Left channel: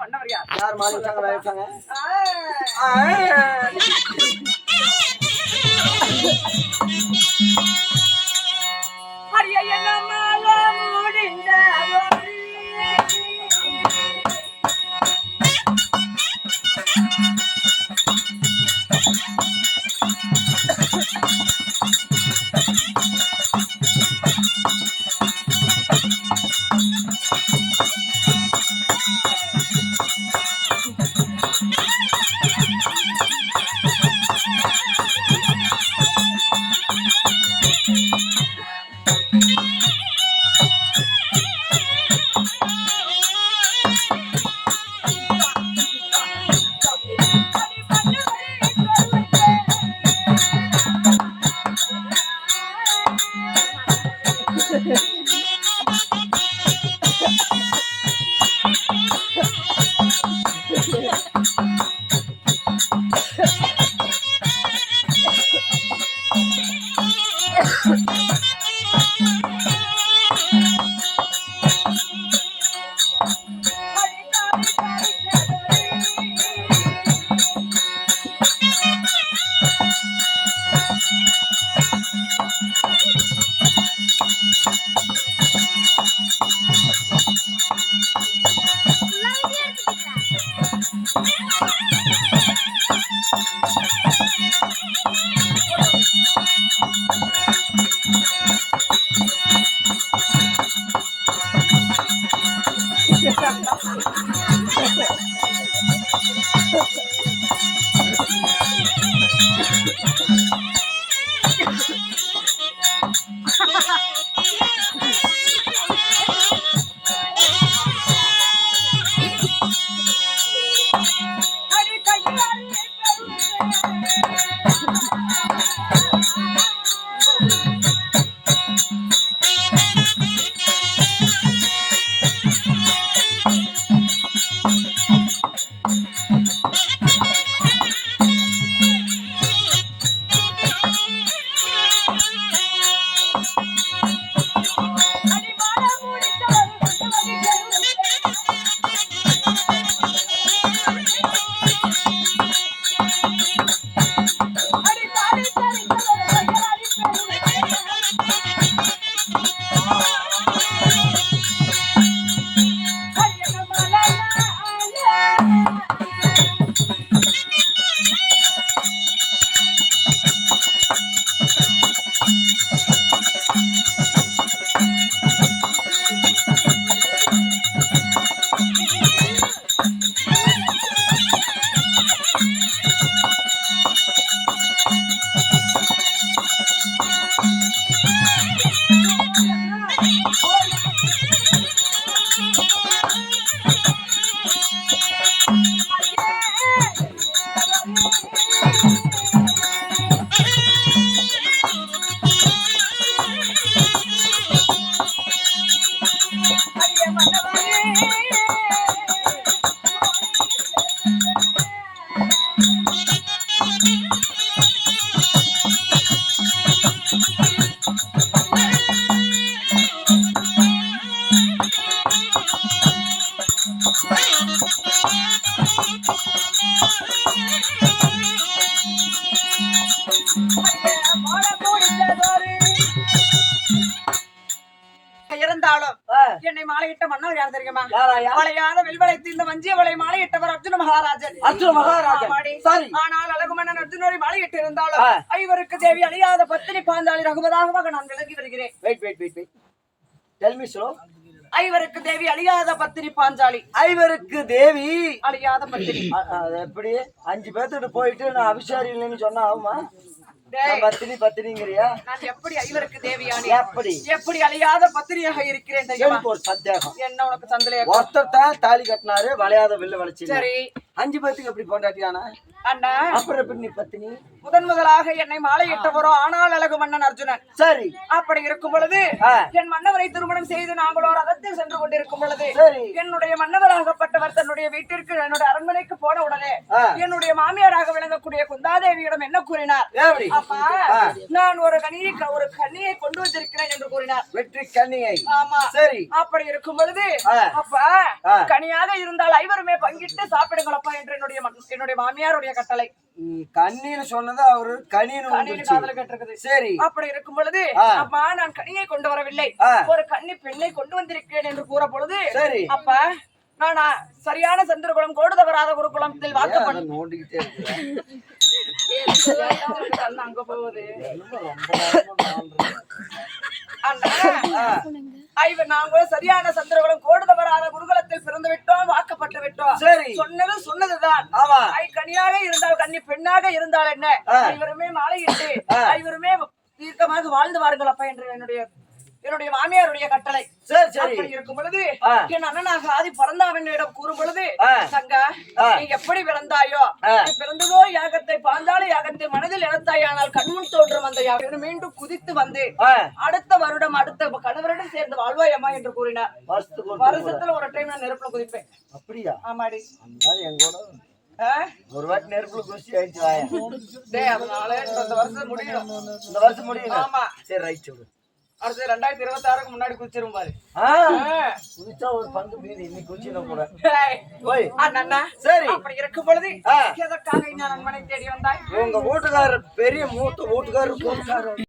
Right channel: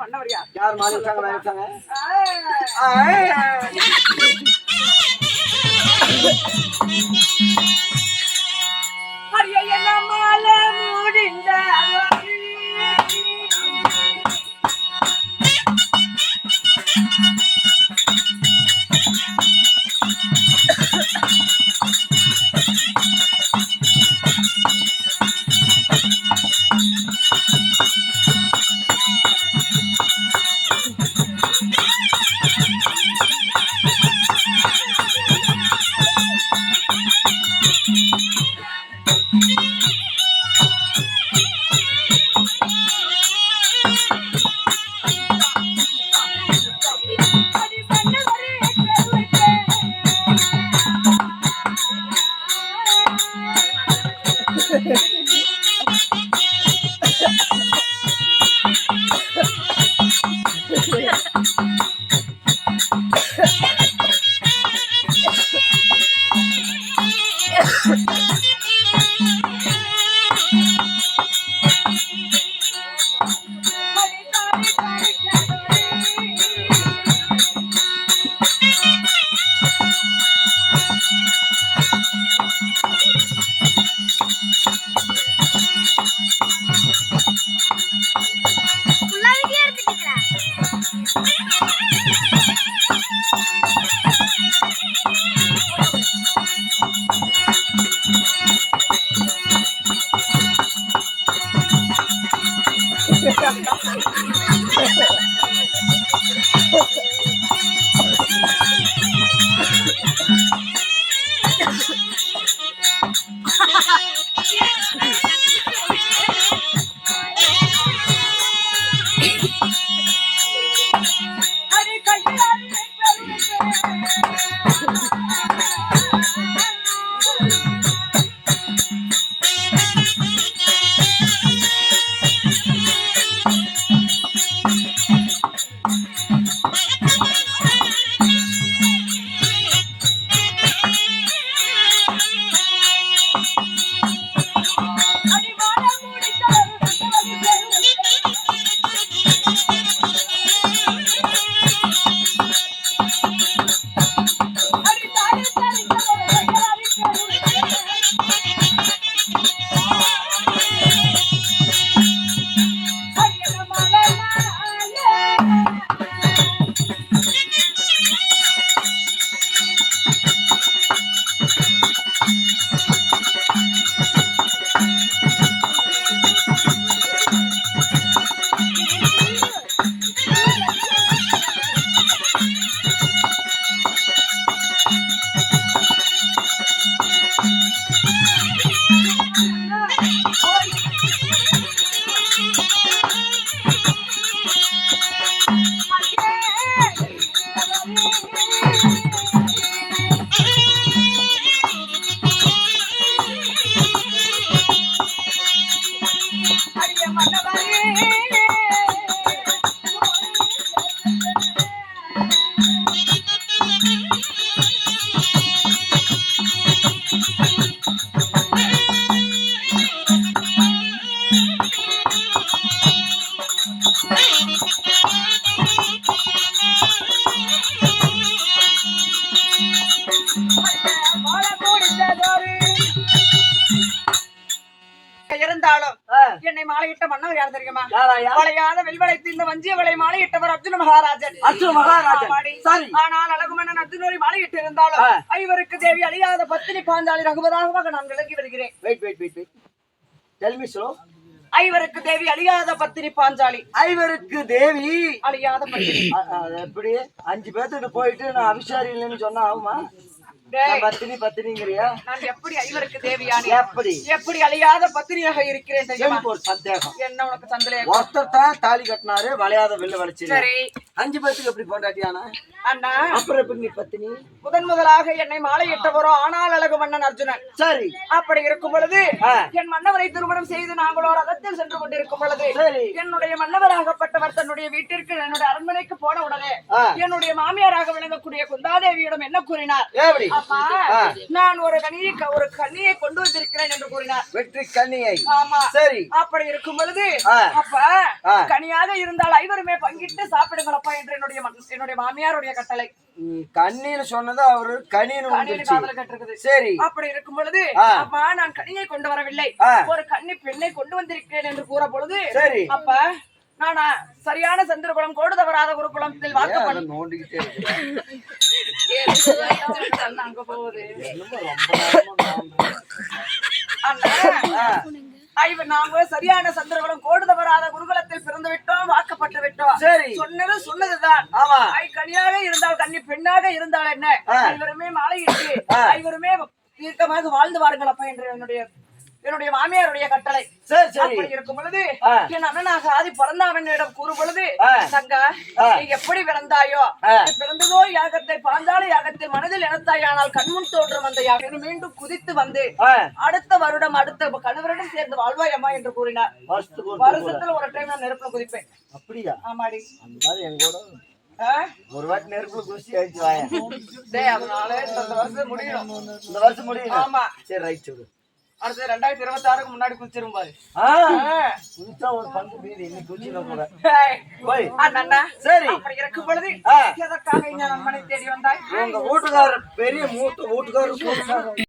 மன்னவர் யார்? யார் மாறி வச்சாங்க வேலை வச்சாங்க? அரிய நம்மால முடிந்த இருந்தாலும் என்னை மாலையிட்ட மன்னர் யார் தெரியுமா? வளையாத வெல்வளைத்து இந்த வஞ்சிய வளை மாலையிட்டவர் அர்ஜுன மகாராஜன். அர்ஜுன மகாராஜன். சரி. ஆனால் அழகு மன்னன் அர்ஜுனரை மாலையிட்டு இருந்தாலும் ஐவருக்கு தேவி அழியாத பத்தினி பாஞ்சாலி ரகுபதாகவாக நான் விளங்கி வருகிறேன். Wait tell me so. ஐவருக்கு தேவி அழியாத பத்தினி பாஞ்சாலி. ஐவருக்கு தேவி அழியாத பத்தினி. எப்படி 5 பேர்த்துட்டு போயிட்டு நான் அபிஷாரி இல்லைன்னு சொன்னா ஆகுமா? பத்தினிங்கறியா? நான் எப்படி ஐவருக்கு தேவியானே? எப்படி அழியாத பத்தினியாக இருக்கிறேன் தெரியுமா? ஒரு சந்தேகம். என்ன உனக்கு சந்தேகம்? ஒருத்தர் தான் தாலி கட்டினாரு, வளையாத வெள்ளு வளைச்சு. சரி, 5 பேத்துக்கு எப்படி பொண்டாட்டியானா? அண்ணா அப்புறம் எப்படி நீ பத்தினி? முதலாக என்னை மாலையிட்டவரோ ஆனால் அழகு மன்னன் அர்ஜுனன். சரி. அப்படி இருக்கும் பொழுது என் மன்னவரை திருமணம் செய்து நாங்களோ ரதத்தில் சென்று கொண்டிருக்கும் பொழுது சரி. என்னுடைய மன்னவராகப்பட்டவர் தன்னுடைய வீட்டிற்கு என்னுடைய அரண்மனைக்கு போன உடனே என்னுடைய மாமியாராக விளங்கக்கூடிய குந்தாதேவியிடம் என்ன கூறினார்? எப்படி? அப்பா நான் ஒரு கன்னியை கொண்டு வந்திருக்கிறேன் என்று கூறினார். வெற்றி கன்னியை. ஆமா. சரி. அப்படி இருக்கும் பொழுது அப்பா கனியாக இருந்தால் ஐவருமே பங்கிட்டு சாப்பிடுங்களப்பா என்று என்னுடைய மாமியாருடைய கட்டளை. கண்ணின்னு சொன்னது அவரு கனின்னு. சரி. அப்படி இருக்கும் பொழுது அப்பா நான் கனியை கொண்டு வரவில்லை, ஒரு கன்னி பெண்ணை கொண்டு வந்திருக்கிறேன் என்று கூற பொழுது அப்ப நான் சரியான சந்திரகுலம் கோடு தவறாத ஒரு குலத்தில் வாக்கப்படும் அங்க போகுது. நாங்க சரியான சந்திரகுலம் கோடு தவறாத குருகுலத்தில் பிறந்து விட்டோம், வாக்கப்பட்டு விட்டோம். சொன்னது சொன்னதுதான். கனியாக இருந்தால் கன்னி, பெண்ணாக இருந்தால் என்ன, ஐவருமே மாலையிட்டு ஐவருமே தீர்க்கமாக வாழ்ந்து வாருங்கள் அப்பா என்று என்னுடைய மாமியாருடைய கட்டளை. அப்படி இருக்கும் பொழுது என் அண்ணனாக ஆதி பிறந்தாவனிடம் கூறும் பொழுது சங்கா நீ எப்படி பிறந்தாயோ பிறந்ததோ யாகத்தை பாஞ்சால யாகத்தை மனதில் இழந்தாயானால் கண்முன் தோன்றும் அந்த யாகம் மீண்டும் குதித்து வந்து அடுத்த வருடம் அடுத்த கணவரிடம் சேர்ந்து வாழ்வாயம்மா என்று கூறினார். வருஷத்துல ஒரு டைம் நான் நெருப்புல குதிப்பேன். அப்படியா? ஆமாடி. ஒரு வாட்டி நெருப்புல குதிச்சு ஆயிடுச்சு வாயா. அதனால இந்த வருஷம் முடியணும். இந்த வருஷம் முடியணும். ஆமா. சரி, ரைட். சொல்லு. அடுத்து 2026க்கு முன்னாடி குதிச்சிரும் பாரு. குதிச்சா ஒரு பங்கு மீறி இன்னைக்கு குதிச்சிடும் கூட. சரி. அப்படி இருக்கும் பொழுது எதற்காக இந்த நண்பனை தேடி வந்தாய்? உங்க வீட்டுக்காரர் பெரிய மூத்த வீட்டுக்காரர்